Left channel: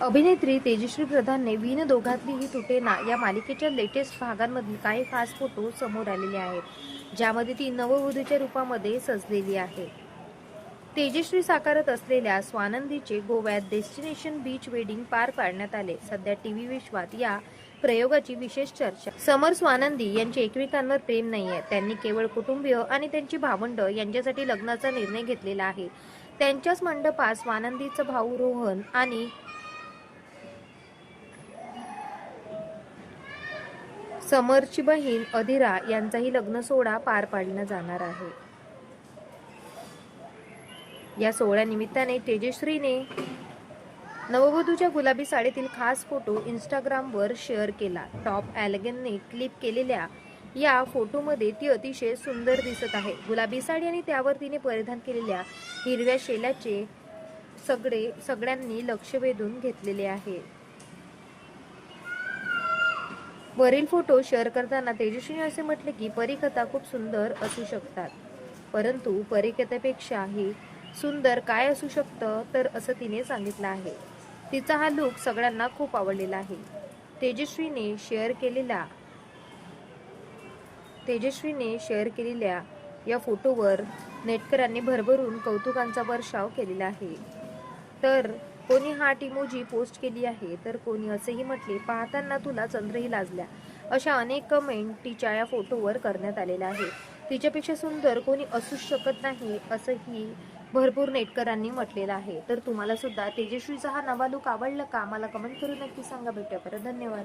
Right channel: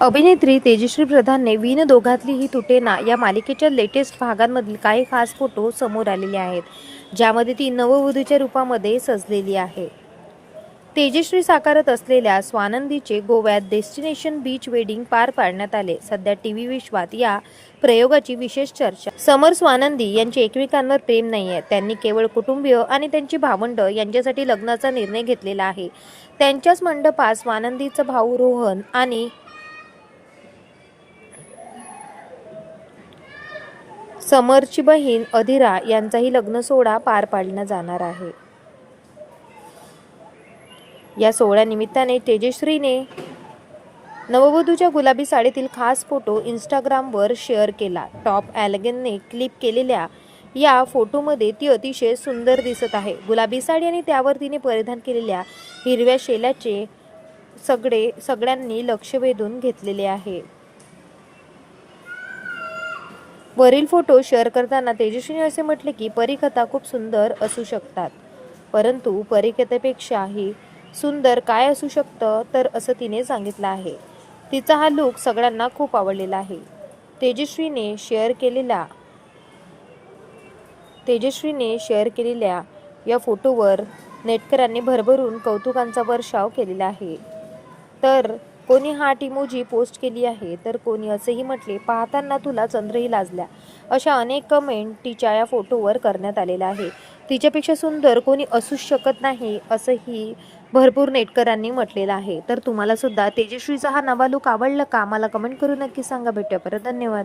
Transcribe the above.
अभिनेत्री तेजश्री प्रधानने विण दोघातली ही तुटेना या मालिकेच्या लेटेस्ट भागांमधील काही खास फोटो समोर आलेले आहेत ज्यामध्ये ती नववधूच्या रूपामध्ये सजलेली आहे. तेजश्री साकारत असलेल्या स्वानंदीचे गोव्यात डेस्टिनेशन बीच वेडिंग पार पाडण्यात आले. सध्या टी व्ही विश्वात या प्रयोगाची विशेष चर्चा. समर स्वानंदी यांचे एकमेकांवर प्रेम नाही आहे. त्यांनी केवळ कुटुंबीय आणि त्यांची भावंड यांच्यासाठी लग्नाचा निर्णय घेतलेला आहे. त्यांच्याच मंडपात स्वानंदीचा भाऊ रोहन आणि समरची बहीण अधिरा यांचाही लग्न सोहळा पार पाडला जाणार आहे. या सोहळ्यानिमित्ताने तेजश्रीने नववधूच्या गुलाबी साडीतील खास फोटो इंस्टाग्रामवर शेअर केला. टॉप ॲलगनने क्लिप केलेल्या या फोटोमध्ये ती अतिशय सुंदर दिसत आहे. गुलाबी साडी आणि त्यावर तिने परिधान केलेल्या हिरव्या शेल्याचे सगळे सगळ्यांनी लक्ष वेधून घेतलेले आहे. वरील फोटो शेअर करताना तेजस्विनी असे म्हटले की परिकथा खूप सुंदर असू शकतात. परंतु परिकथेपेक्षाही सुंदर काय असू शकतं तर असं तिने सांगितलं आहे. तिचा हा लुक सगळ्यांना खूप आवडलेला आहे. तेजस्वीने शेअर केलेला तेजस्वीने शेअर केलेल्या या फोटोवर नेटकरांनी भरभरून कौतुकांचा वर्षाव केलेला आहे. तर कोणी हा टिमोजी पोस्ट केली आहे तर कोणी असेही म्हटले पाहताना तुला चंद्रही लाजल्या. अशा अनेक कमेंट तिच्या या फोटोवर करण्यात आलेल्या आहे तिच्यापेक्षा सुंदर कोणी असूच शकत नाही असंही भरपूर नेटकरांनी म्हटलेलं आहे. तर तुम्हाला सुद्धा तेजस्वीचा हा नवा लुक आवडला का? मला कमेंट करून नक्की सांगा. भेटूया परत. धन्यवाद.